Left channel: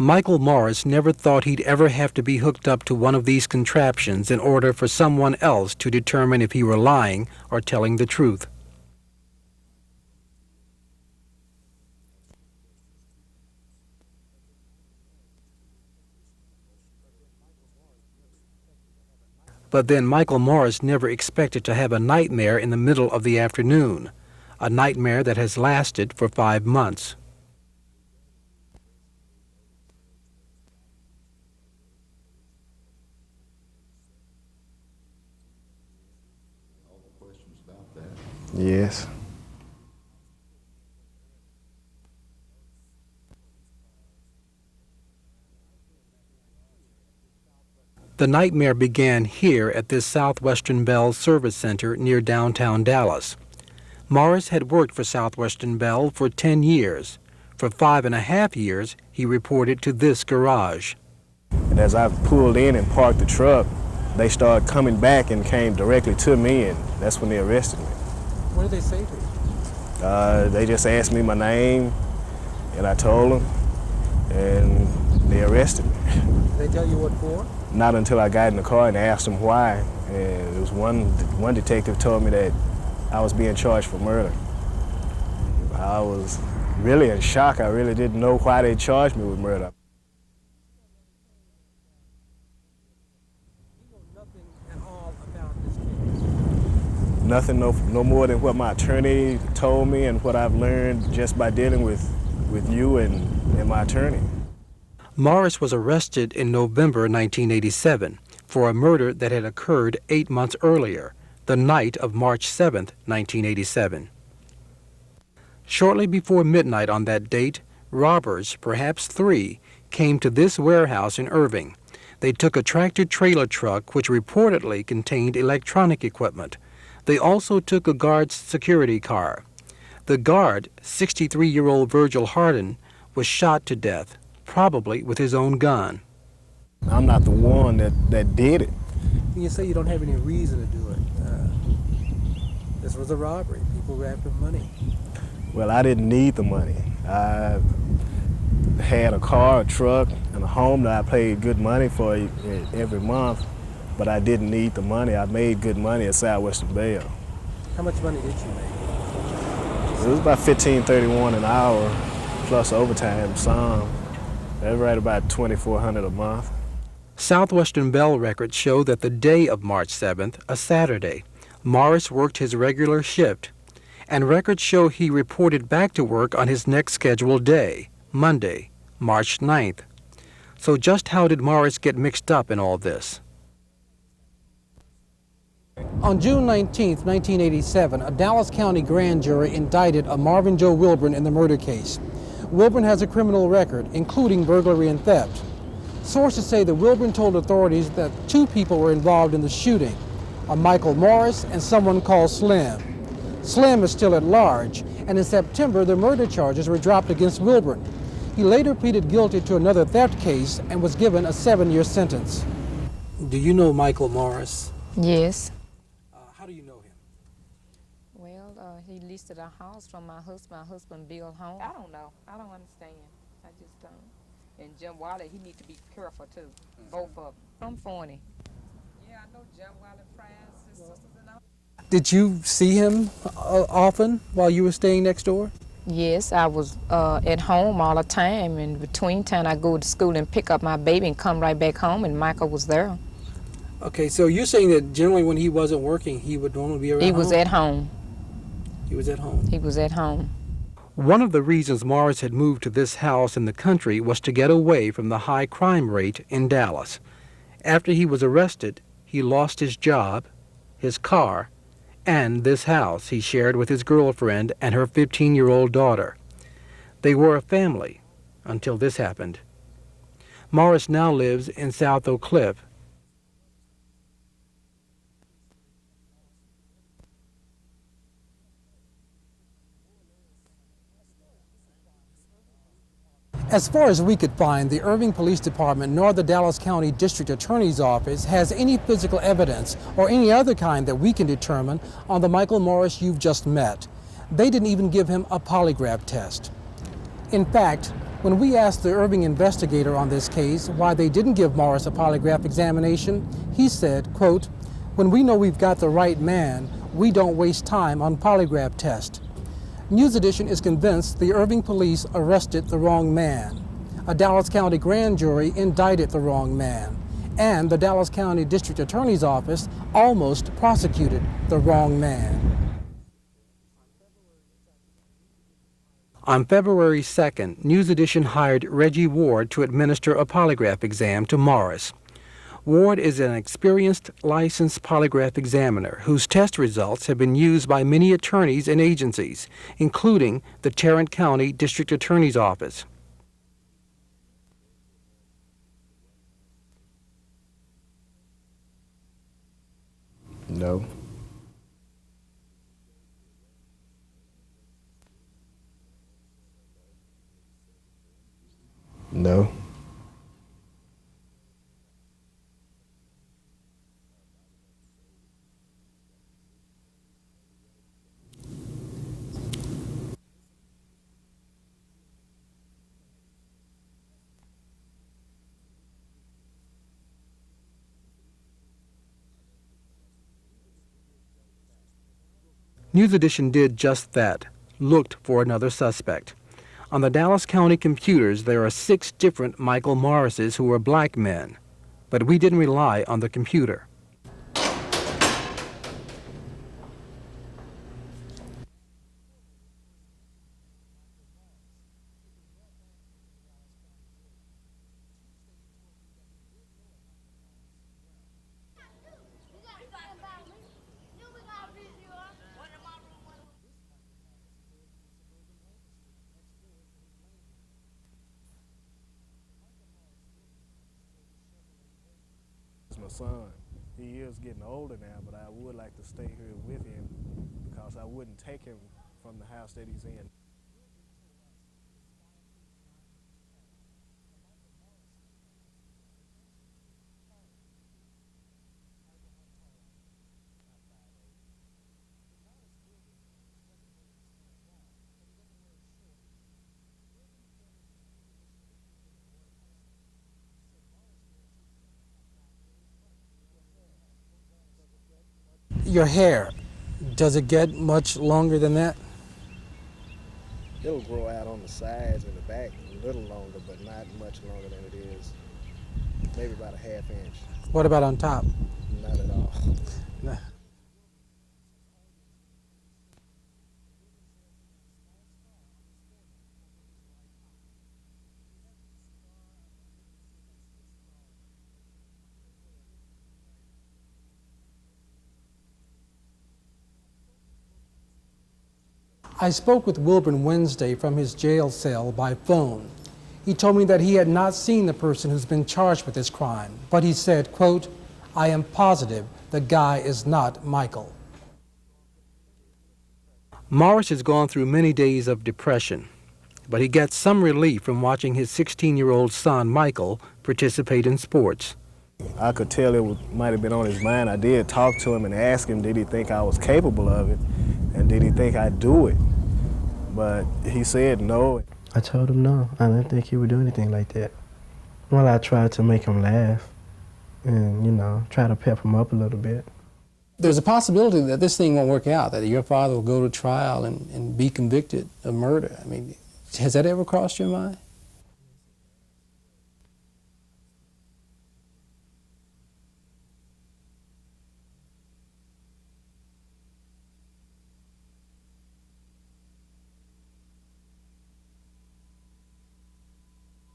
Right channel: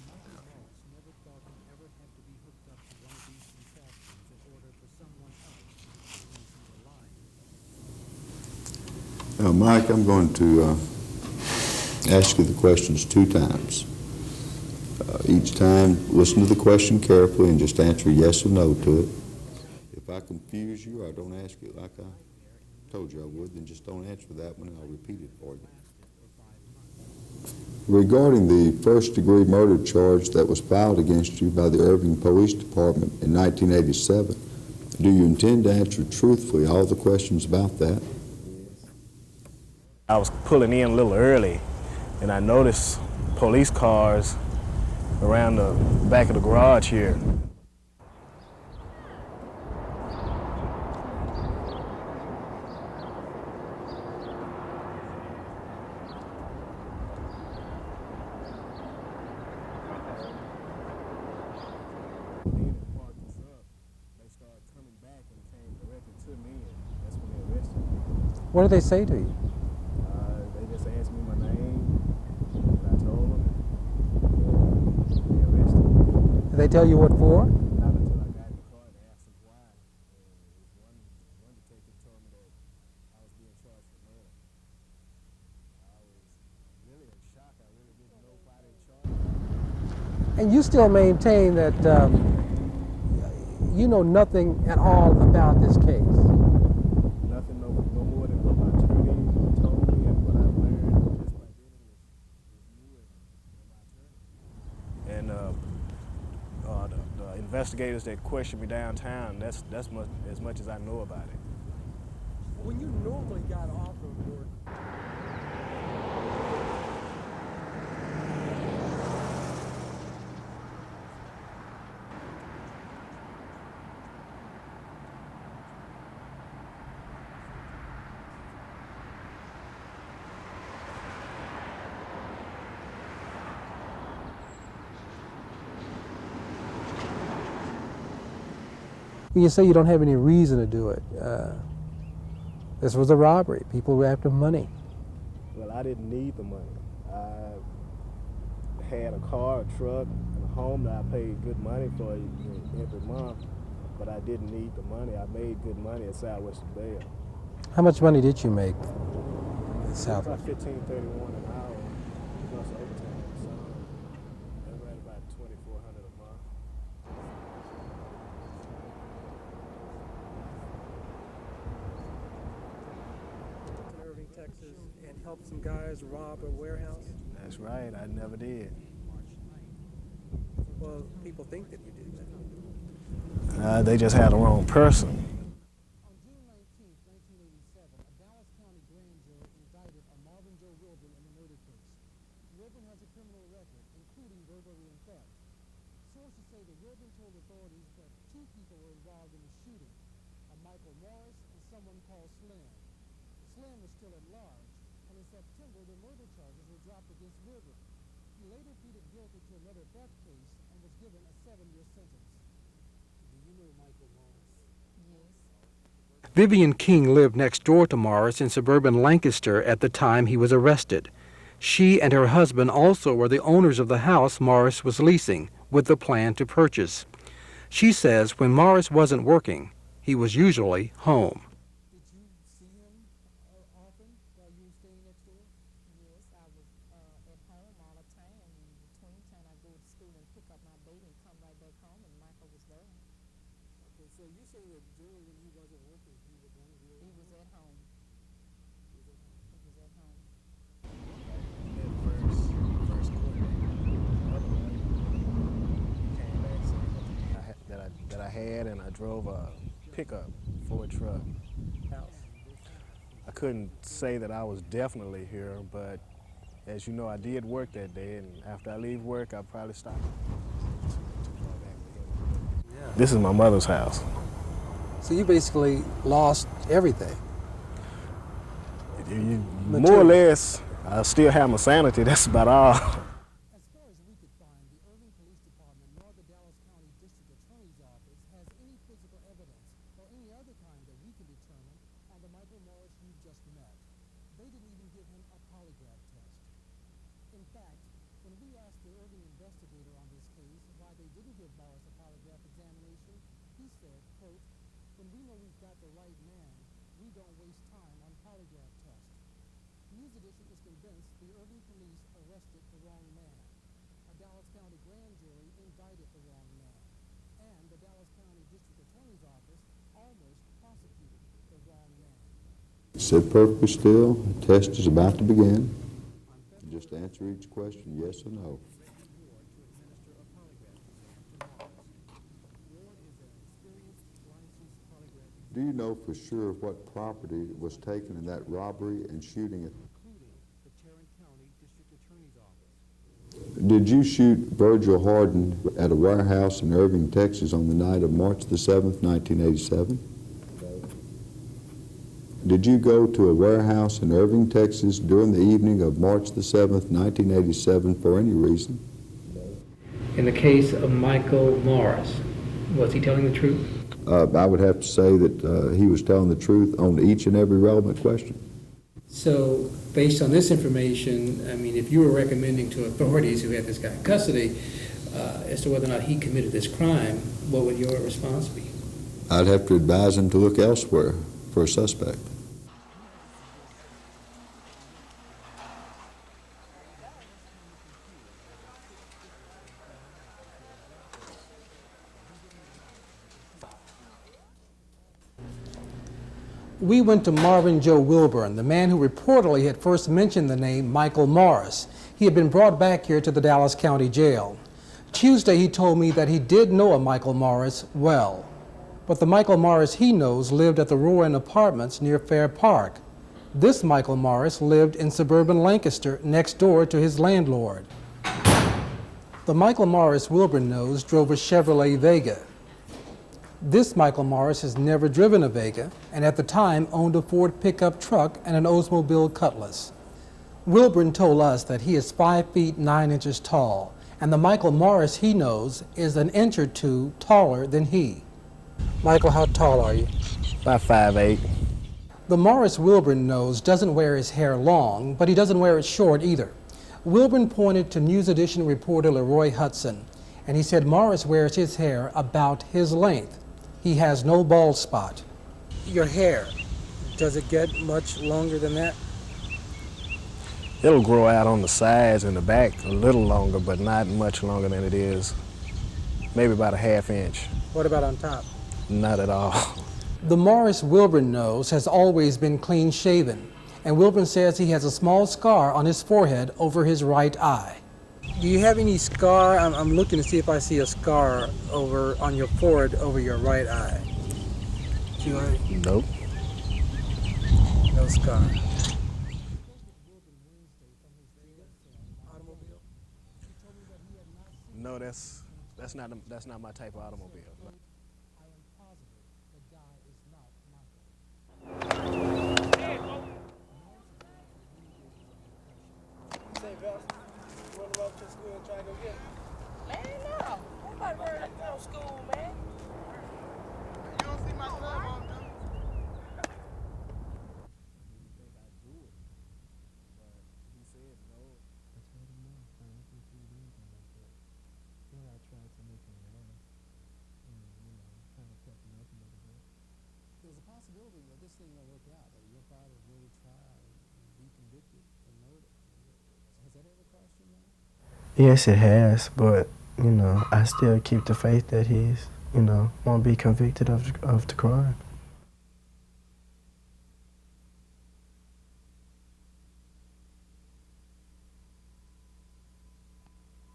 Michael Morris never thought he'd ever have to be hooked up to one of these contraptions in order for someone else to determine if he were lying or telling the truth. Now, Mike, I'm going to ask you the questions 2 times. Each time, listen to the question carefully and just answer yes or no to it. But then Michael Morris never expected to have a nightmare in the middle of the afternoon, a nightmare that has lasted for 5 months. Regarding the first-degree murder charge that was filed against you by the Irving Police Department in 1987, do you intend to answer truthfully all the questions about that? Yes. I was pulling in a little early, and I noticed police cars around the back of the garage here. The nightmare began here at this Southwestern Bell Service Center near downtown Dallas. Morris had worked for Southwestern Bell for 10 years. For 5.5 years, he reported to this garage. And as I pulled in and parked the truck, they started coming back and came directly to me, and that's when they arrested me. What did they say to you? They just asked me my name, and I told them, and they arrested me. Did they tell you what for? Not until I got in the car and asked them why. And it was one detective told me that I was being charged for murder. I was really in shock. I really didn't know why they charged me with murder. And you still maintain that you know nothing at all about this case? Nothing, no more than what my attorney told me and what I've learned just by dealing with you and my attorney. Morris was arrested in November 1987 for a murder that had occurred 8 months earlier, the night of March 7, 1987. Shortly before midnight on that date, robbers, perhaps 3, came to this warehouse in Irving. They took a tractor-trailer truck which reportedly contained electronic equipment. They also took a guard's security car. The guard, 63-year-old Virgil Hardin, was shot to death, probably with his own gun. I'm not the one that did it. You say you don't have any reason to do it. This was a robbery. People were after money. Well, I didn't need the money. I had a car, a truck, and a home that I paid good money for every month, but I didn't need the money. I made good money at Southwestern Bell. How much money did you make? It was about $15.31 an hour, plus overtime some. That was right about $2,400 a month. Southwestern Bell records show that the day of March 7th, a Saturday, Morris worked his regular shift, and records show he reported back to work on his next scheduled day, Monday, March 9th. So just how did Morris get mixed up in all this? They just had the wrong person. On June 19, 1987, a Dallas County grand jury indicted a Marvin Joe Wilburn in the murder case. Wilburn has a criminal record, including burglary and theft. Sources say that Wilburn told authorities that 2 people were involved in the shooting, a Michael Morris and someone called Slim. Slim is still at large, and in September, the murder charges were dropped against Wilburn. He later pleaded guilty to another theft case and was given a 7-year sentence. Do you know Michael Morris? Yes. Vivian King lived next door to Morris in suburban Lancaster at the time he was arrested. She and her husband also were the owners of the house Morris was leasing, with the plan to purchase. She says when Morris wasn't working, he was usually home. Did you see him often while you were staying next door? Yes, I was at home all the time, and between time I go to school and pick up my baby and come right back home, and Michael was there. Okay, so you're saying that generally when he wasn't working, he would normally be around He was at home. He was at home. He was at home. One of the reasons Morris had moved to this house in the country was to get away from the high crime rate in Dallas. After he was arrested, he lost his job, his car, and this house he shared with his girlfriend and her 15-year-old daughter. They were a family until this happened. Morris now lives in South Oak Cliff. This is my mother's house. So you basically lost everything. More or less, I still have my sanity, that's about all. As far as we could find, the Irving Police Department nor the Dallas County District Attorney's Office has any physical evidence or any other kind that we can determine on the Michael Morris you've just met. They didn't even give him a polygraph test. In fact, When we asked the Irving investigator on this case why they didn't give Morris a polygraph examination, he said, quote, "When we know we've got the right man, we don't waste time on polygraph tests." News Edition is convinced the Irving police arrested the wrong man. A Dallas County grand jury indicted the wrong man. And the Dallas County District Attorney's Office almost prosecuted the wrong man. Sit perfectly still. The test is about to begin. On February 2nd, News Edition hired Reggie Ward to administer a polygraph exam to Morris. Ward is an experienced, licensed polygraph examiner whose test results have been used by many attorneys and agencies, including the Tarrant County District Attorney's Office. Did you shoot Virgil Harden at a warehouse in Irving, Texas on the night of March the 7th, 1987? No. Did you go to a warehouse in Irving, Texas during the evening of March the 7th, 1987 for any reason? No. In the case of Michael Morris, was he telling the truth? I would have to say that he was telling the truth on each and every relevant question. So, based on this information, I mean, if you were recommending to authorities who had this guy in custody as to whether or not he committed this crime, what would your response be? I'd have to advise him to look elsewhere for a suspect. News Edition did just that, looked for another suspect. On the Dallas County computers, there are 6 different Michael Morrises who are black men, but we didn't rely on the computer. We went to Marvin Joe Wilburn, the man who reportedly had first mentioned the name Michael Morris. He had been brought back here to the Dallas County Jail. Tuesday, he told me that he did know a Michael Morris well, but the Michael Morris he knows lived at the Rowan Apartments near Fair Park. This Michael Morris lived in suburban Lancaster next door to his landlord. The Michael Morris Wilburn knows drove a Chevrolet Vega. This Michael Morris has never driven a Vega, and at the time owned a Ford pickup truck and an Oldsmobile Cutlass. Wilburn told us that he is 5 feet 9 inches tall, and the Michael Morris he knows is an inch or two taller than he. Michael, how tall are you? About 5'8". The Morris Wilburn knows doesn't wear his hair long, but he doesn't wear it short either. Wilburn pointed to News Edition reporter Leroy Hudson, and he said Morris wears his hair about his length. He has no bald spot. Your hair, does it get much longer than that? It'll grow out on the sides and the back a little longer, but not much longer than it is. Maybe about a ½ inch. What about on top? Not at all. The Morris Wilburn nose has always been clean shaven, and Wilburn says he has a small scar on his forehead over his right eye. Do you have any scar? I'm looking to see if I see a scar over on your forehead over your right eye. Do you Nope. No scar. I spoke with Wilburn Wednesday from his jail cell by phone. He told me that he had not seen the person who's been charged with this crime, but he said, quote, "I am positive the guy is not Michael." Morris has gone through many days of depression, but he gets some relief from watching his 16-year-old son, Michael, participate in sports. I could tell it might have been on his mind. I did talk to him and ask him, did he think I was capable of it? And did he think I'd do it? But he said no. I told him no. I didn't think he would do anything like that. Well, I tried to make him laugh and, you know, try to pep him up a little bit. There's a possibility that this thing won't work out, that your father will go to trial and be convicted of murder. I mean, has that ever crossed your mind? Yes, it has, but, you know, I still keep the faith that he's, you know, won't be convicted of the crime.